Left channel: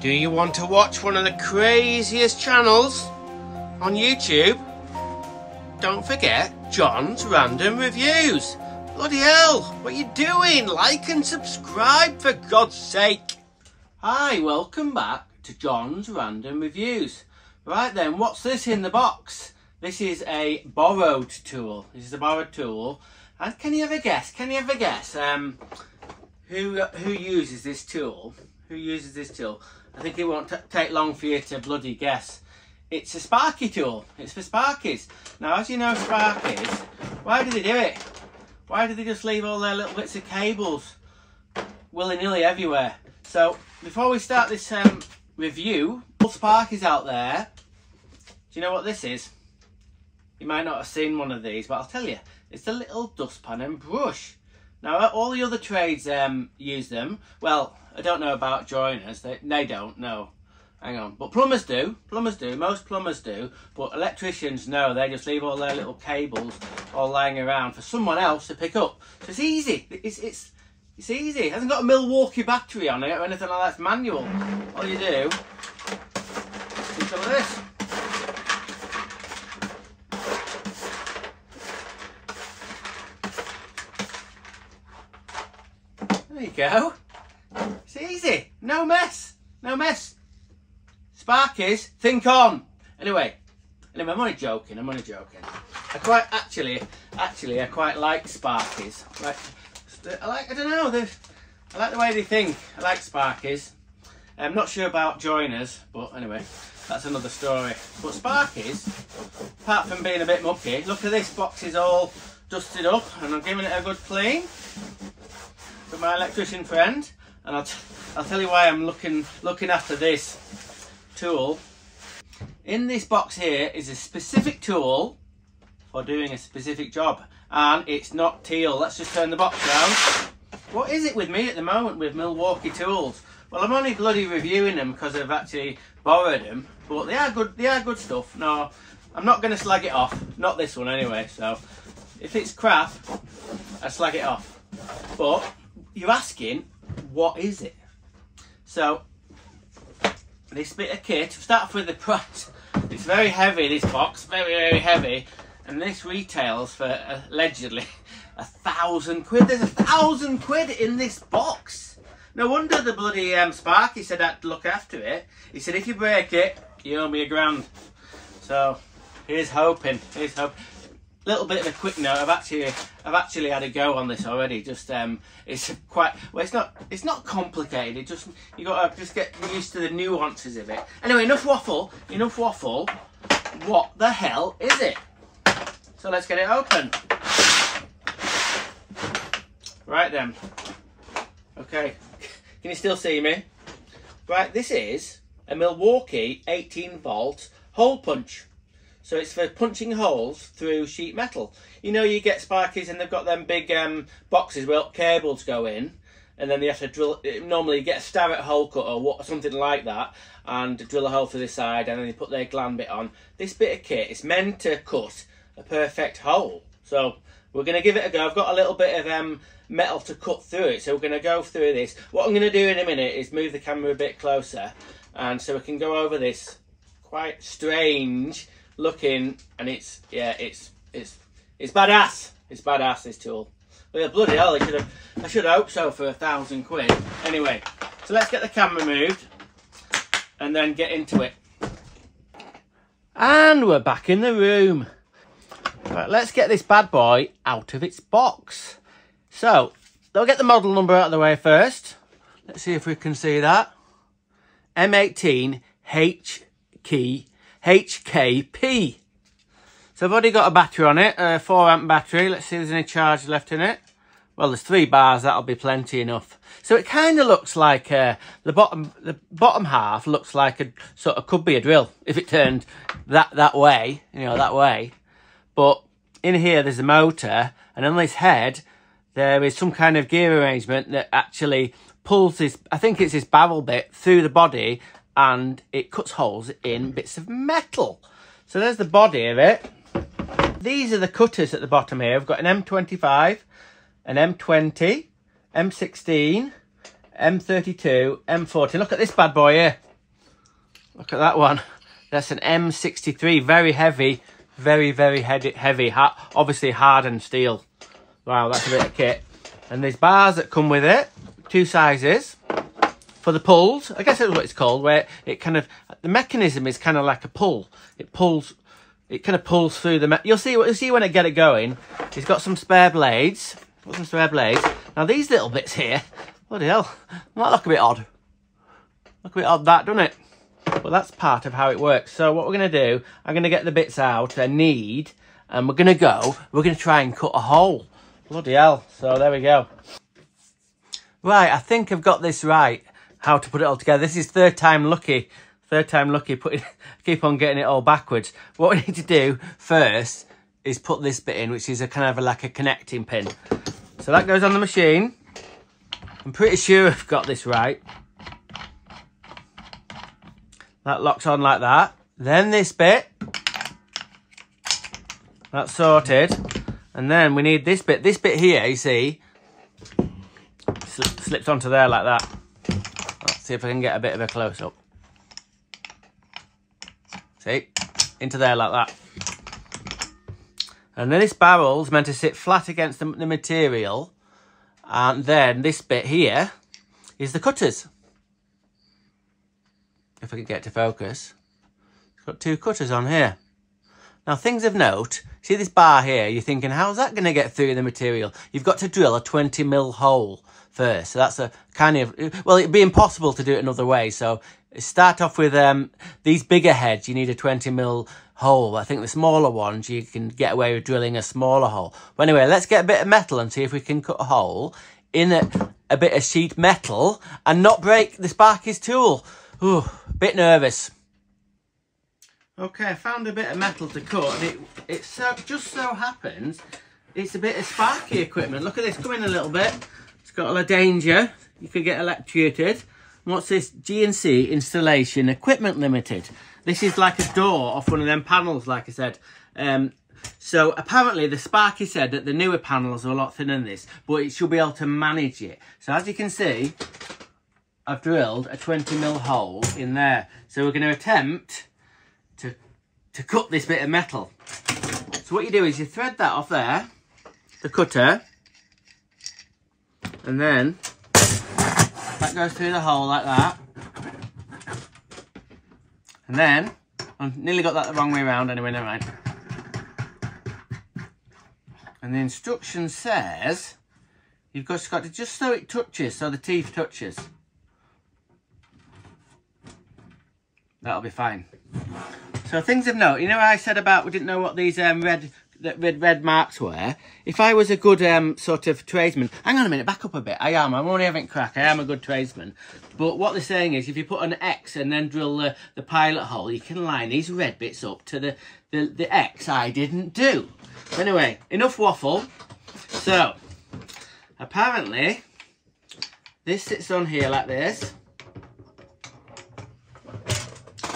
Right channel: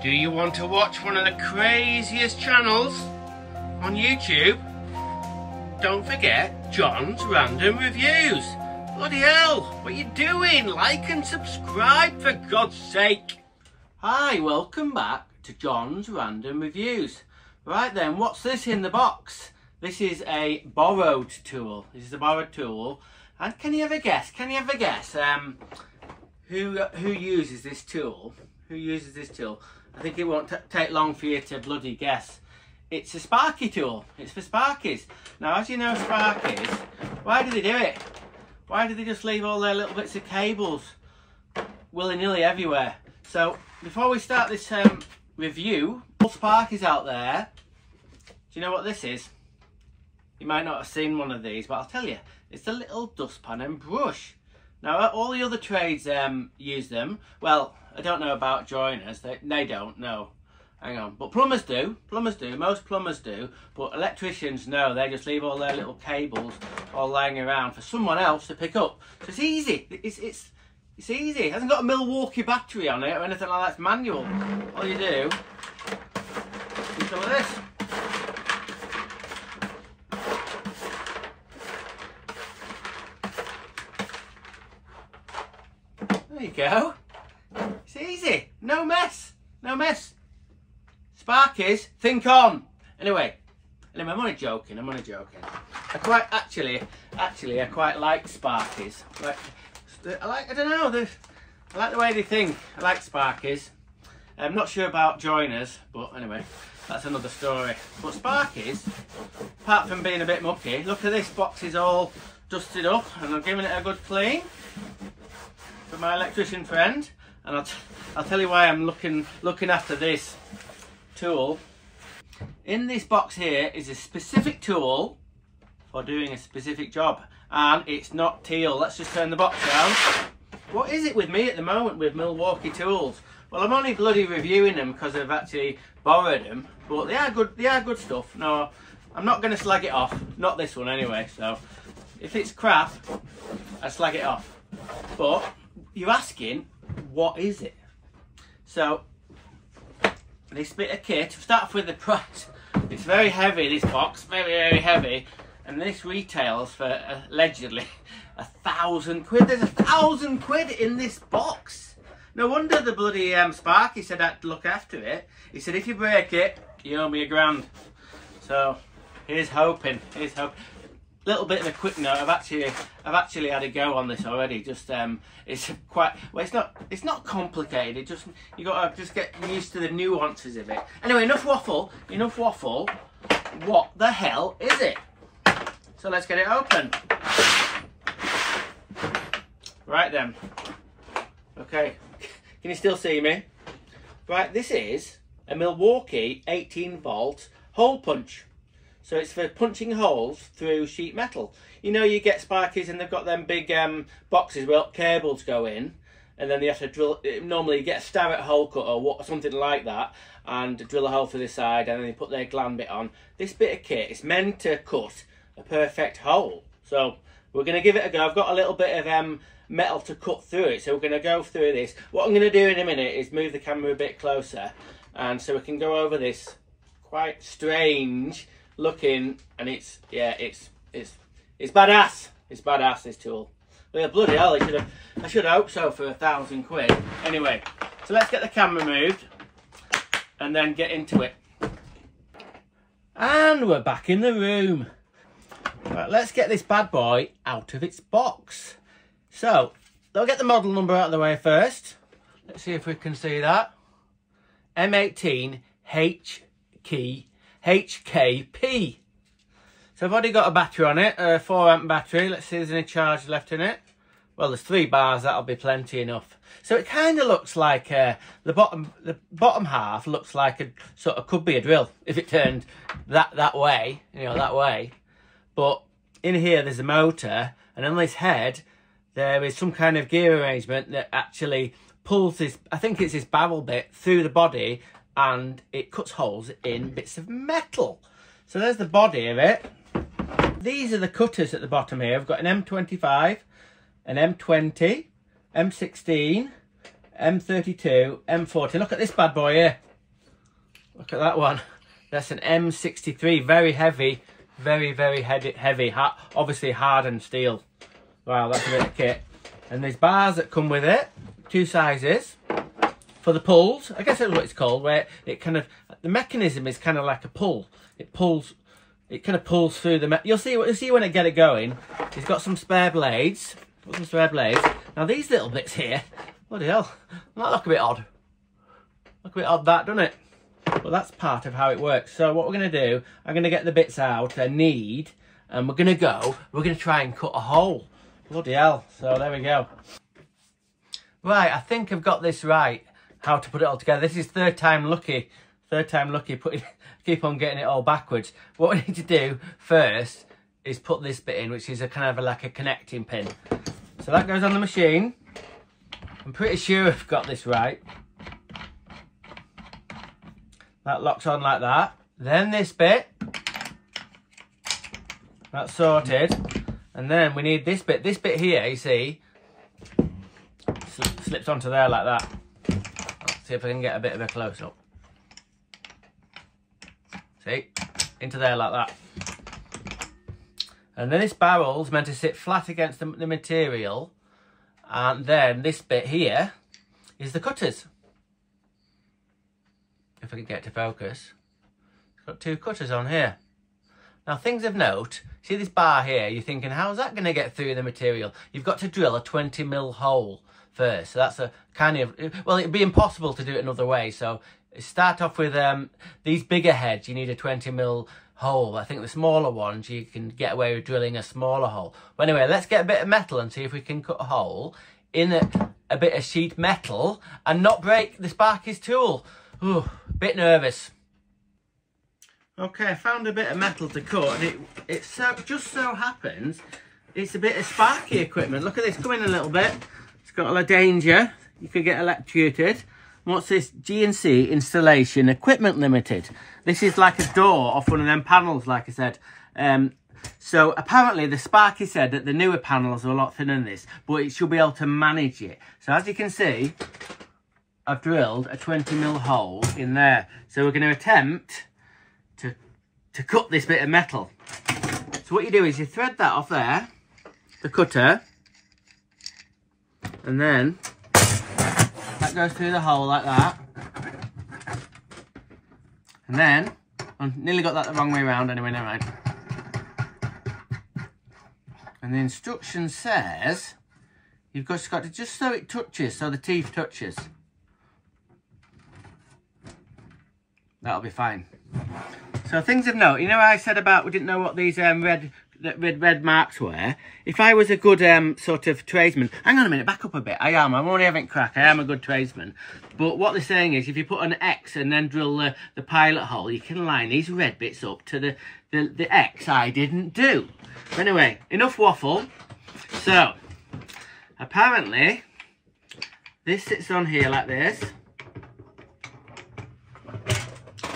Do you want to watch one of the craziest channels on YouTube? Don't forget John's Random Reviews. Bloody hell, what are you doing? Like and subscribe for God's sake. Hi, welcome back to John's Random Reviews. Right then, what's this in the box? This is a borrowed tool. This is a borrowed tool. And can you ever guess? Who uses this tool? Who uses this tool? I think it won't take long for you to bloody guess. It's a Sparky tool. It's for Sparkies. Now, as you know, Sparkies, why do they do it? Why do they just leave all their little bits of cables willy-nilly everywhere? So, before we start this review, all Sparkies out there, do you know what this is? You might not have seen one of these, but I'll tell you. It's a little dustpan and brush. Now, all the other trades use them. Well, I don't know about joiners. They don't, no. Hang on. But plumbers do. Plumbers do. Most plumbers do. But electricians, no. They just leave all their little cables all lying around for someone else to pick up. So it's easy. It's easy. It hasn't got a Milwaukee battery on it or anything like that. It's manual. All you do is some of this. There you go. It's easy. No mess. No mess. Sparkies, think on. Anyway, I'm only joking. I quite like Sparkies. I don't know. I like the way they think. I like Sparkies. I'm not sure about joiners, but anyway, that's another story. But Sparkies, apart from being a bit mucky, look at this box is all dusted up, and I'm giving it a good clean for my electrician friend. And I'll tell you why I'm looking after this tool. In this box here is a specific tool for doing a specific job, and it's not teal. Let's just turn the box around. What is it with me at the moment with Milwaukee tools? Well, I'm only bloody reviewing them because I've actually borrowed them, but they are good stuff. No, I'm not going to slag it off. Not this one anyway. So if it's crap, I slag it off. But you're asking, what is it? So this bit of kit, we'll start off with the price. It's very heavy, this box, very heavy, and this retails for allegedly £1,000. There's £1,000 in this box. No wonder the bloody Sparky said I'd look after it. He said if you break it, you owe me £1,000. So here's hoping. Little bit of a quick note. I've actually had a go on this already. Just it's quite well. It's not complicated. You got to just get used to the nuances of it. Anyway, enough waffle. What the hell is it? So let's get it open. Right then. Okay. Can you still see me? Right. This is a Milwaukee 18-volt hole punch. So it's for punching holes through sheet metal. You know, you get Sparkies and they've got them big boxes where cables go in, and then they have to drill. Normally you get a Starrett hole cutter or something like that, and drill a hole through the side, and then they put their gland bit on. This bit of kit is meant to cut a perfect hole. So we're going to give it a go. I've got a little bit of metal to cut through it, so we're going to go through this. What I'm going to do in a minute is move the camera a bit closer, and so we can go over this quite strange looking, and it's badass. It's badass, this tool. Well, bloody hell, I should hope so for £1,000. Anyway, so let's get the camera moved and then get into it. And we're back in the room. Right, let's get this bad boy out of its box. So I'll get the model number out of the way first. Let's see if we can see that. M18 HKP. So I've already got a battery on it, a 4 amp battery. Let's see if there's any charge left in it. Well, there's 3 bars, that'll be plenty enough. So it kind of looks like the bottom half looks like a sort of could be a drill if it turned that way, you know, that way. But in here there's a motor, and on this head there is some kind of gear arrangement that actually pulls this, I think it's this barrel bit, through the body, and it cuts holes in bits of metal. So there's the body of it. These are the cutters at the bottom here. We've got an M25, an M20, M16, M32, M40. Look at this bad boy here. Look at that one. That's an M63, very heavy, very heavy. Obviously hardened steel. Wow, that's a bit of kit. And there's bars that come with it, 2 sizes for the pulls. I guess that's what it's called, where it kind of, the mechanism is kind of like a pull. It kind of pulls through the, you'll see when I get it going. It's got some spare blades. Put some spare blades. Now these little bits here, bloody hell, that look a bit odd. Look a bit odd, that, doesn't it? But that's part of how it works. So what we're going to do, I'm going to get the bits out I need, and we're going to try and cut a hole. Bloody hell. So there we go. Right, I think I've got this right, how to put it all together. This is third time lucky. Keep on getting it all backwards. What we need to do first is put this bit in, which is a kind of like a connecting pin. So that goes on the machine. I'm pretty sure I've got this right. That locks on like that. Then this bit. That's sorted. And then we need this bit. This bit here, you see, slips onto there like that. Let's see if I can get a bit of a close-up. See? Into there like that. And then this barrel's meant to sit flat against the material. And then this bit here is the cutters. If I can get to focus. It's got 2 cutters on here. Now, things of note, see this bar here, you're thinking, how's that going to get through the material? You've got to drill a 20mm hole first. So that's a kind of, well, it'd be impossible to do it another way. So start off with these bigger heads, you need a 20mm hole. I think the smaller ones, you can get away with drilling a smaller hole. But anyway, let's get a bit of metal and see if we can cut a hole in a bit of sheet metal and not break the Sparky's tool. Ooh, bit nervous. Okay, I found a bit of metal to cut, and it just so happens it's a bit of Sparky equipment. Look at this, come in a little bit. It's got a lot of danger. You could get electrocuted. What's this? G&C Installation Equipment Limited. This is like a door off one of them panels, like I said. So apparently the Sparky said that the newer panels are a lot thinner than this, but it should be able to manage it. So as you can see, I've drilled a 20mm hole in there. So we're going to attempt to cut this bit of metal. So what you do is you thread that off there, the cutter, and then that goes through the hole like that. And then, I've nearly got that the wrong way around anyway, never mind. And the instruction says, you've got to just so it touches, so the teeth touches. That'll be fine. So things of note, you know I said about we didn't know what these red marks were? If I was a good sort of tradesman, hang on a minute, back up a bit. I'm only having crack, I am a good tradesman. But what they're saying is if you put an X and then drill the pilot hole, you can line these red bits up to the X I didn't do. But anyway, enough waffle. So, apparently, this sits on here like this.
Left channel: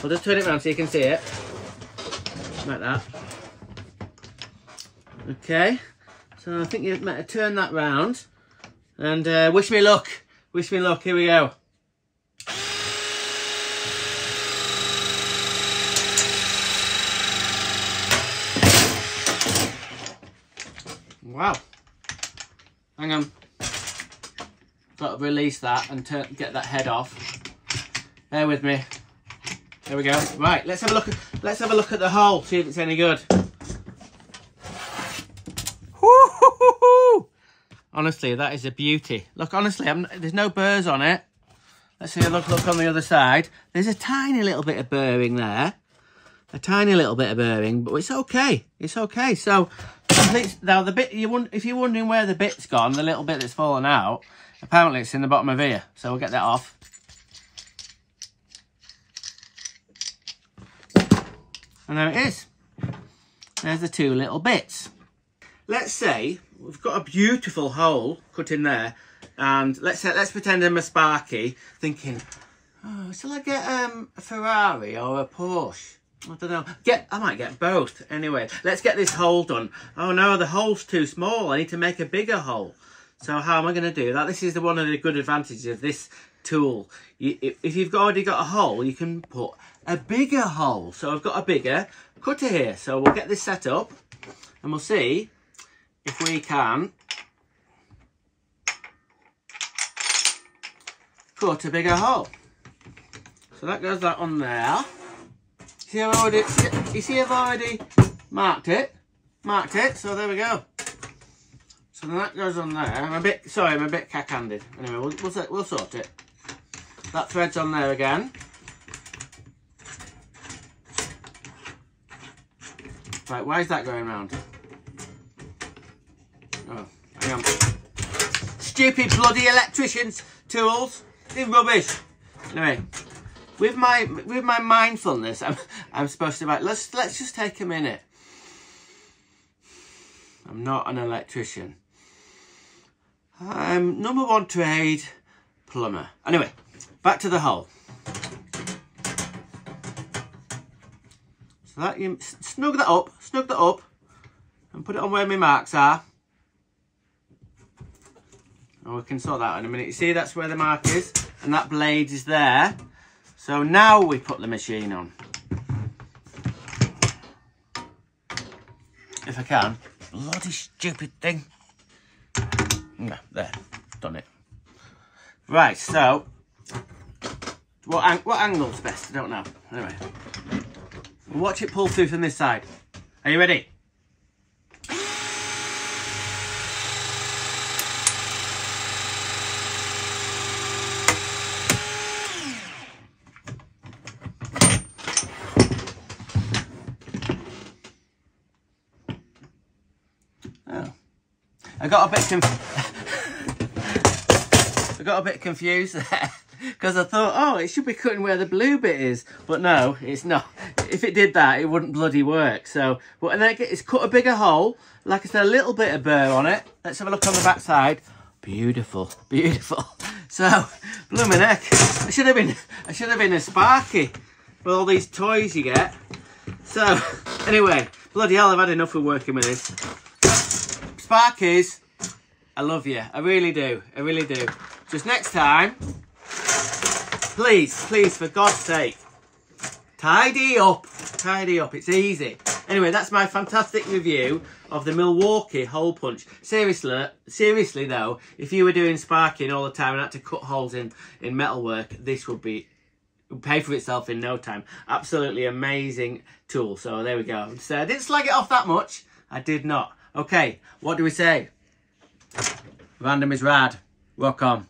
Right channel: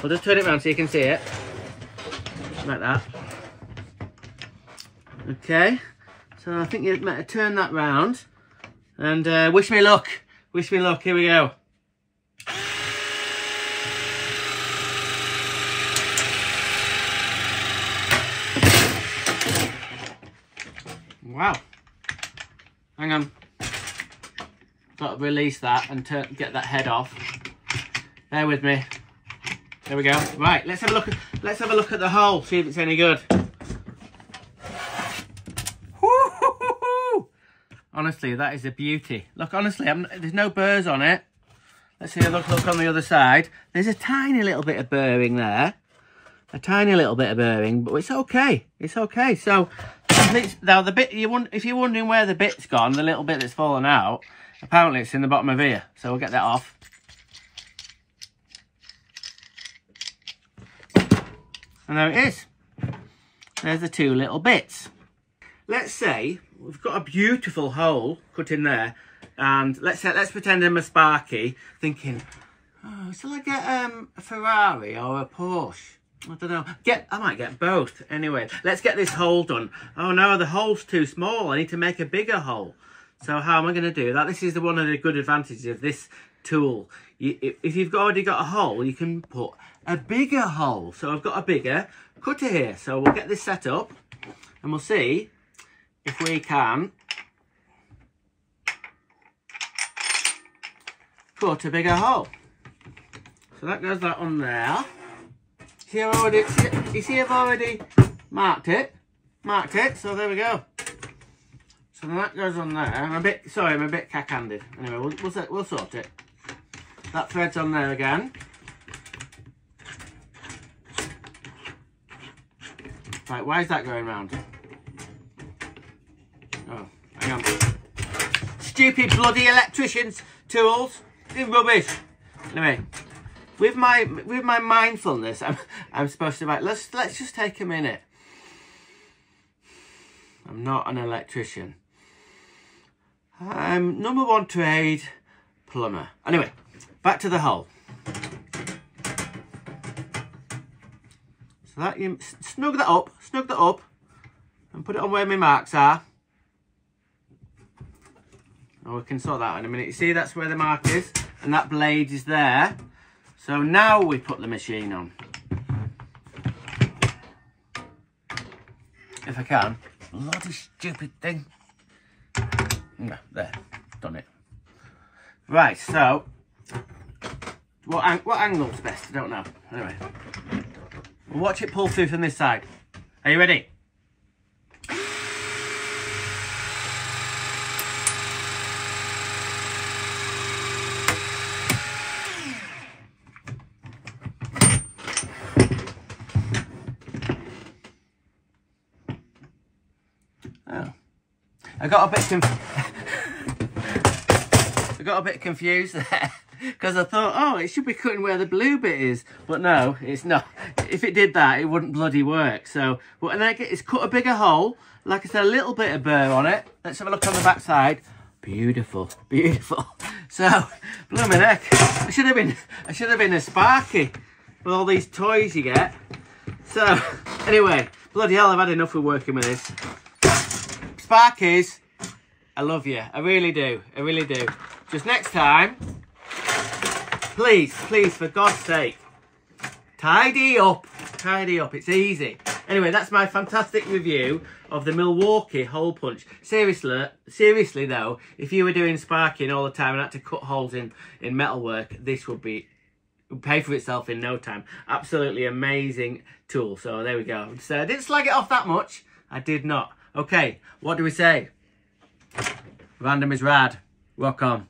I'll just turn it around so you can see it. Like that. Okay. So I think you better turn that round. And wish me luck. Wish me luck. Here we go. Wow. Hang on. Got to release that and get that head off. Bear with me. There we go. Right, let's have a look at the hole, see if it's any good. Woo-hoo-hoo-hoo! Honestly, that is a beauty. Look, honestly, there's no burrs on it. Let's see a look on the other side. There's a tiny little bit of burring there. A tiny little bit of burring, but it's okay. It's okay. So, now the bit, if you're wondering where the bit's gone, the little bit that's fallen out, apparently it's in the bottom of here. So we'll get that off. And there it is. There's the 2 little bits. Let's say we've got a beautiful hole cut in there, and let's pretend I'm a Sparky, thinking, oh, shall I get a Ferrari or a Porsche? I don't know. I might get both. Anyway, let's get this hole done. Oh no, the hole's too small. I need to make a bigger hole. So how am I going to do that? This is one of the good advantages of this tool. If you've already got a hole, you can put a bigger hole. So I've got a bigger cutter here. So we'll get this set up and we'll see if we can cut a bigger hole. So that goes that on there. See, you see I've already marked it. So there we go. So then that goes on there. I'm a bit cack-handed. Anyway, we'll sort it. That thread's on there again. Right, why is that going round? Oh, hang on. Stupid bloody electrician's tools. They're rubbish. Anyway, with my mindfulness, I'm supposed to let's just take a minute. I'm not an electrician. I'm number one trade plumber. Anyway, back to the hole. So that you snug that up, and put it on where my marks are. And we can sort that out in a minute. You see, that's where the mark is, and that blade is there. So now we put the machine on. If I can. Bloody stupid thing. No, there, done it. Right, so what angle's best? I don't know. Anyway, we'll watch it pull through from this side. Are you ready? Oh, I got a bit confused there because I thought, oh, it should be cutting where the blue bit is, but no, it's not. If it did that, it wouldn't bloody work. So, and then it's cut a bigger hole. Like I said, a little bit of burr on it. Let's have a look on the back side. Beautiful, beautiful. So, blooming heck, I should have been a Sparky with all these toys you get. So, anyway, bloody hell, I've had enough of working with this. Sparkies, I love you. I really do. I really do. Just next time, please, for God's sake, tidy up. Tidy up. It's easy. Anyway, that's my fantastic review of the Milwaukee hole punch. Seriously though, if you were doing sparking all the time and had to cut holes in metalwork, this would pay for itself in no time. Absolutely amazing tool. So there we go. So I didn't slag it off that much. I did not. Okay, what do we say? Random is rad. Rock on.